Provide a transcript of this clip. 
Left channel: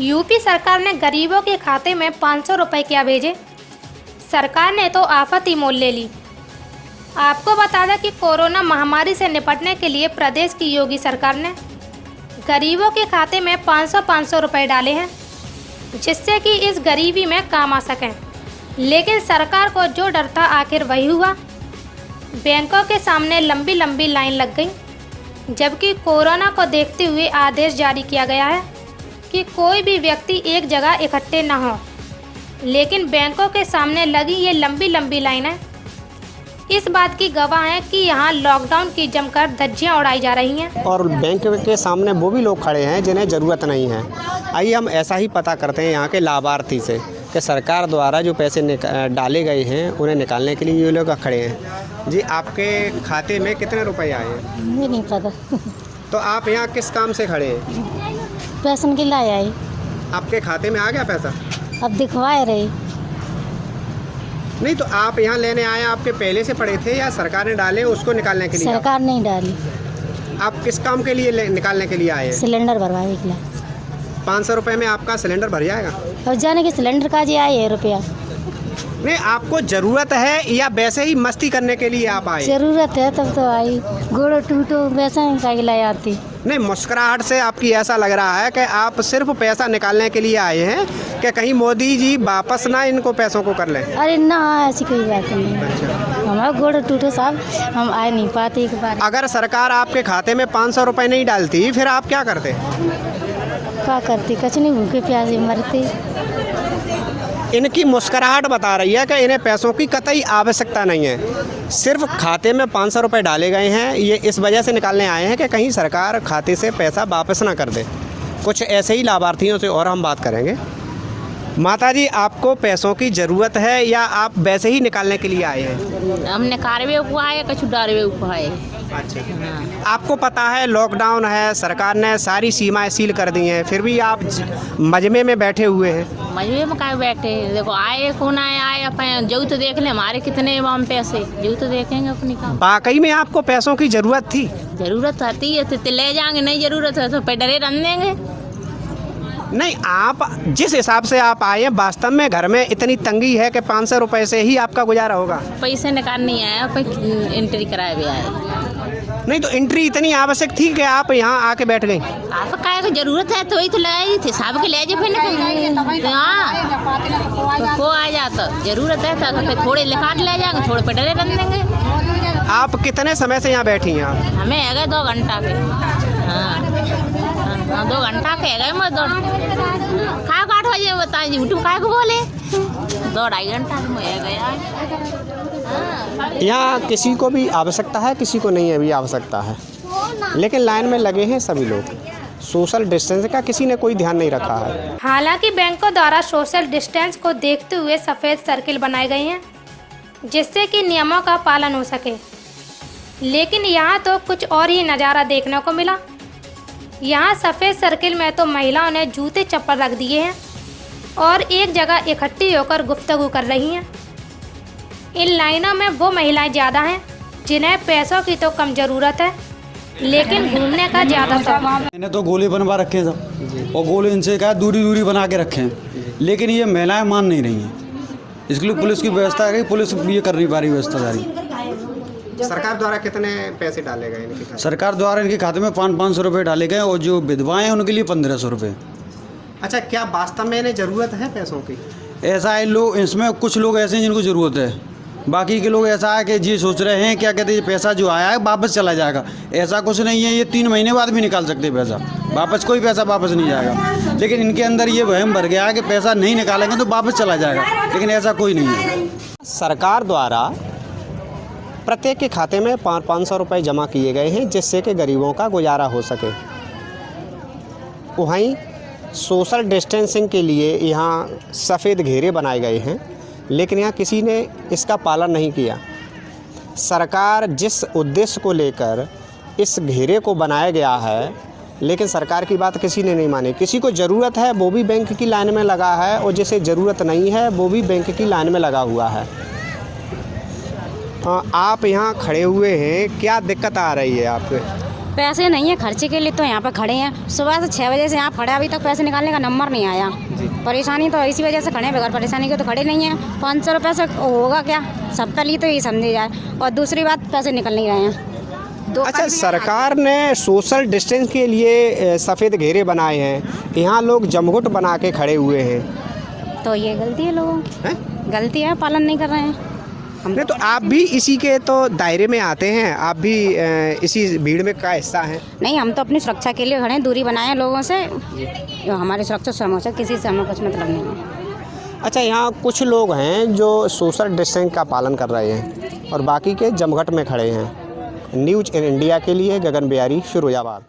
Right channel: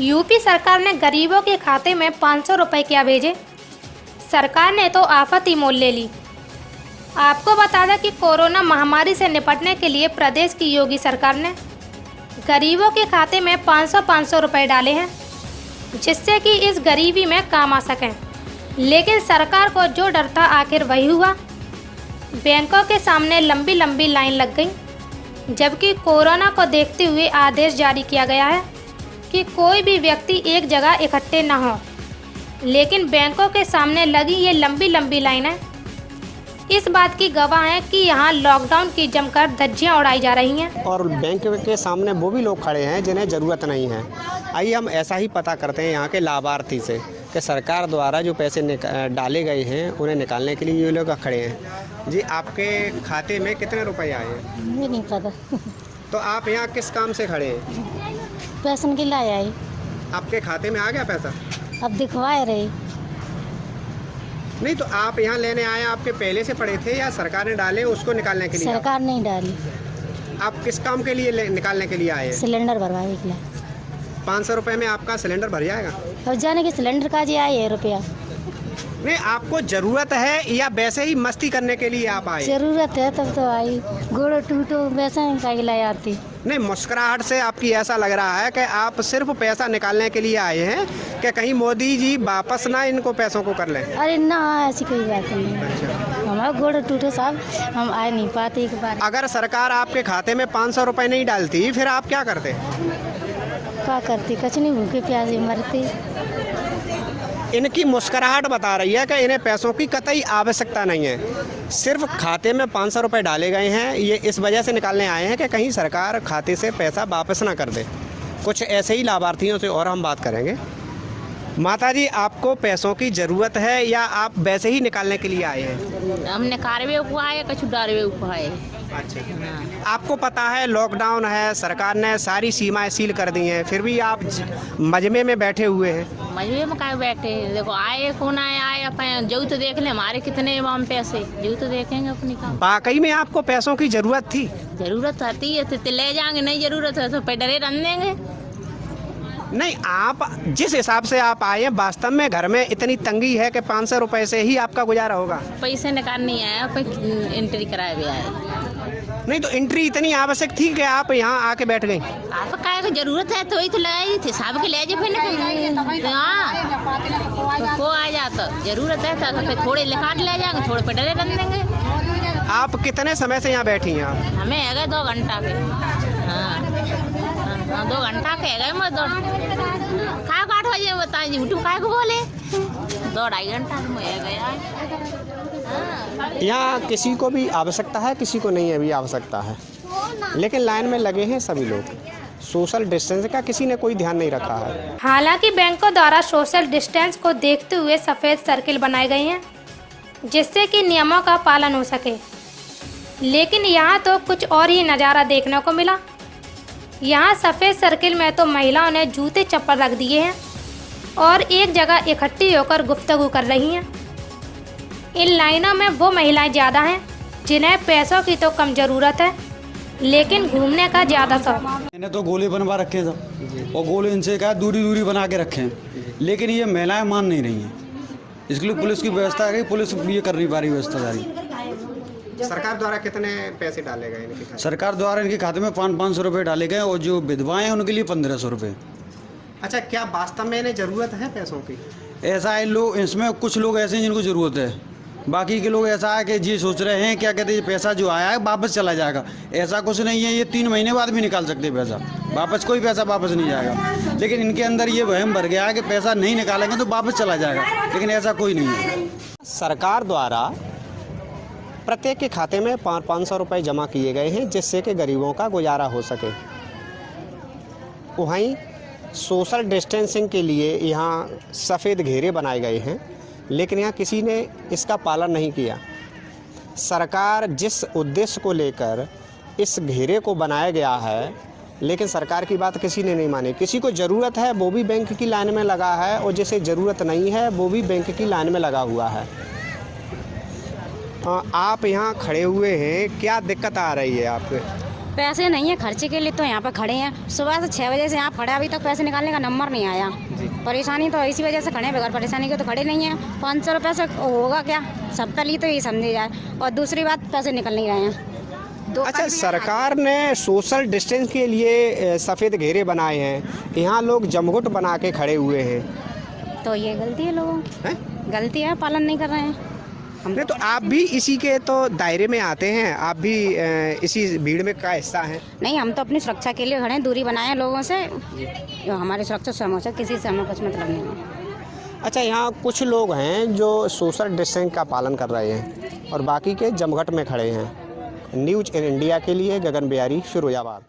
UP सरकार ने गरीबों के खाते में 500 रुपये क्या भेजे। सरकार ने तो आफत ही मोल ले ली। आपको बता दें कि कोरोना महामारी से निपटने के लिए प्रदेश की योगी सरकार ने गरीबों के खाते में 500 रुपये डाले हैं, जिससे कि इस गरीबी में काम आ सकें। लेकिन सरकार को जो डर था आखिर वही हुआ। बैंकों के सामने लंबी लंबी लाइन लग गई, जबकि कोरोना को देखते हुए आदेश जारी किया गया है कि कोई भी व्यक्ति एक जगह इकट्ठे न हो। लेकिन बैंकों के सामने लगी ये लंबी लंबी लाइनें इस बात की गवाह हैं कि यहाँ लॉकडाउन की जमकर धज्जियाँ उड़ाई जा रही हैं। और बैंक के सामने वो भी लोग खड़े हैं जिन्हें ज़रूरत नहीं है। आइए हम ऐसा ही पता करते हैं यहाँ के लाभार्थी से कि सरकार द्वारा जो पैसे डाले गए हैं उन्हें निकालने के लिए ये लोग खड़े हैं। जी, आपके खाते में कितने रुपए आए हैं? मुझे नहीं पता। तो आप यहाँ किस काम से खड़े हैं? पैसा के लाए आई। आपके खाते में आ गया पैसा? अब दिखवाए रही। नहीं, तो आप यहाँ लेने आए, आपके पहले से पड़े थे या सरकार ने डाले उसको निकालने के लिए? सरकार नहीं डाली। आप किस काम के लिए निकालने के लिए आए हैं? सिलेंडर भरवाने के लिए। 500 रुपये में आपका सिलेंडर भर जाएगा? और जाने के सिलेंडर का जी आए है रुपया। नहीं, आपको ज़रूरत है या वैसे ही मस्ती करने के लिए आप आए? जरूरत है तब तो आई। गोड़ टूटो वैसा ही लाई आती। नहीं, मुस्कुराहट से आपकी ऐसा लग रहा है कि आप सिर्फ पैसा निकालने के लिए आए हैं कि कहीं मोदी जी वापस ना इनको पैसों को कर लें। अरे ना, ऐसी कोई बात नहीं। हमारा गोड़ टूटो साहब, हम आ नहीं पाते एक बार। अगर सरकार आपके खाते में 500 रुपये नहीं डालती फिर आप क्या करते? क्या करती? कुछ नहीं, भूखे प्यासे मरते। इनकी मुस्कुराहट बता रही है कि इन्हें पैसों की कतई आवश्यकता नहीं है। सिर्फ खाते में 500 रुपये डाले गए हैं, ये इस वजह से निकालने आए हैं कि कहीं सरकार खाते से पैसा वापस ना कर दे। कुछ ऐसे ही लाभार्थियों से और हम बात करेंगे। माता जी, आपको पैसों की ज़रूरत है या आप वैसे ही निकालने के लिए आए हैं? हमने कारवे हुआ है, कछु डारवे हुआ है। अच्छा, आपको पता है लॉकडाउन है, सरकार ने सारी सीमाएं सील कर दी हैं, फिर भी आप मजमे में बैठे हुए हैं। मजबूरी में क्या बैठे हैं? देखो आए कौन आए अपन जो तो देख ले, हमारे कितने वहाँ पैसे जो तो देखेंगे अपनी काम। वाकई में आपको पैसों की ज़रूरत थी? जरूरत आती है तो ले जाएंगे, नहीं जरूरत है तो डरे रन देंगे। नहीं, आप जिस हिसाब से आप आए हैं वास्तव में घर में इतनी तंगी है कि 500 रुपये से ही आपका गुजारा होगा? पैसे निकाल नहीं आया, एंट्री कराए भी आए। नहीं, तो एंट्री इतनी आवश्यक थी कि आप यहाँ आके बैठ गई? आप क्या को जरूरत है तो ही तो ले थे, सब के ले जाए फिर को आ जाता। जरूरत है तो फिर थोड़े लिखा ले जाएंगे, थोड़े पे डरे रन देंगे। आप कितने समय से यहाँ बैठी हैं? आप हमें है 2 घंटा के। हाँ 2 घंटा के है मैं खा काट हो जाए बता यूट्यूब का बोले 2-2.5 घंटा में है गया। यहाँ किसी को भी आवश्यकता है, किसी को नहीं है भी आवश्यकता है, लेकिन लाइन में लगे हैं सभी लोग। सोशल डिस्टेंस का किसी ने कोई ध्यान नहीं रखा है। हालांकि बैंकों द्वारा सोशल डिस्टेंस को देखते हुए सफ़ेद सर्किल बनाए गए हैं, जिससे कि नियमों का पालन हो सके। लेकिन यहाँ तो कुछ और ही नज़ारा देखने को मिला। यहाँ सफ़ेद सर्किल में तो महिलाओं ने जूते चप्पल रख दिए हैं और एक जगह इकट्ठी होकर गुफ्तगू कर रही हैं। इन लाइनों में वो महिलाएं ज़्यादा हैं जिन्हें पैसों की तो कम ज़रूरत है, लेकिन घूमने का ज़्यादा शौक। मैंने तो गोले बनवा रखे था और गोले इनसे कहा दूरी दूरी बना के रखे हैं, लेकिन ये महिलाएं मान नहीं रही हैं। इसके लिए पुलिस की व्यवस्था है, पुलिस ये कर नहीं पा रही व्यवस्था सारी। सरकार द्वारा कितने पैसे डाले गए इनके खाते? सरकार द्वारा इनके खाते में 500 रुपये डाले गए और जो विधवाएं हैं उनके लिए 1500 रुपये। अच्छा, क्या वास्तव में इन्हें ज़रूरत है पैसों की? ऐसा है, लोग इसमें कुछ लोग ऐसे हैं जिनको ज़रूरत है, बाकी के लोग ऐसा है कि ये सोच रहे हैं क्या कहते हैं पैसा जो आया है वापस चला जाएगा। ऐसा कुछ नहीं है, ये 3 महीने बाद भी निकाल सकते पैसा वापस, कोई पैसा वापस नहीं जाएगा। लेकिन इनके अंदर ये वहम भर गया है कि पैसा नहीं निकालेंगे तो वापस चला जाएगा, लेकिन ऐसा कोई नहीं है। सरकार द्वारा प्रत्येक के खाते में 500 रुपये जमा किए गए हैं, जिससे कि गरीबों का गुजारा हो सके। वहीं सोशल डिस्टेंसिंग के लिए यहाँ सफ़ेद घेरे बनाए गए हैं, लेकिन यहाँ किसी ने इसका पालन नहीं किया। सरकार जिस उद्देश्य को लेकर इस घेरे को बनाया गया है, लेकिन सरकार की बात किसी ने नहीं मानी। किसी को ज़रूरत है वो भी बैंक की लाइन में लगा है, और जिसे ज़रूरत नहीं है वो भी बैंक की लाइन में लगा हुआ है। आप यहाँ खड़े हुए हैं, क्या दिक्कत आ रही है आपको? पैसे नहीं है खर्चे के लिए, तो यहाँ पर खड़े हैं। सुबह से 6 बजे से यहाँ खड़े, अभी तक पैसे निकालने का नंबर नहीं आया। परेशानी तो इसी वजह से खड़े हैं, बगैर परेशानी के तो खड़े नहीं हैं। 500 रुपये से होगा क्या? सबका लिए तो ये समझे जाए। और दूसरी बात, पैसे निकल नहीं रहे हैं। अच्छा, सरकार ने सोशल डिस्टेंस के लिए सफ़ेद घेरे बनाए हैं, यहाँ लोग जमघुट बना के खड़े हुए हैं, तो ये गलती है लोगों की, हैं? गलती है, पालन नहीं कर रहे हैं। हमने तो आप भी इसी के तो दायरे में आते हैं, आप भी इसी भीड़ में का हिस्सा हैं। नहीं, हम तो अपनी सुरक्षा के लिए खड़े हैं, दूरी बनाए हैं लोगों से। जो हमारी सुरक्षा समझ, किसी से हमें कुछ मतलब नहीं है। अच्छा, यहाँ कुछ लोग हैं जो सोशल डिस्टेंस का पालन कर रहे हैं और बाकी के जमघट में खड़े हैं। न्यूज़ इन इंडिया के लिए गगन बिहारी, फिरोजाबाद।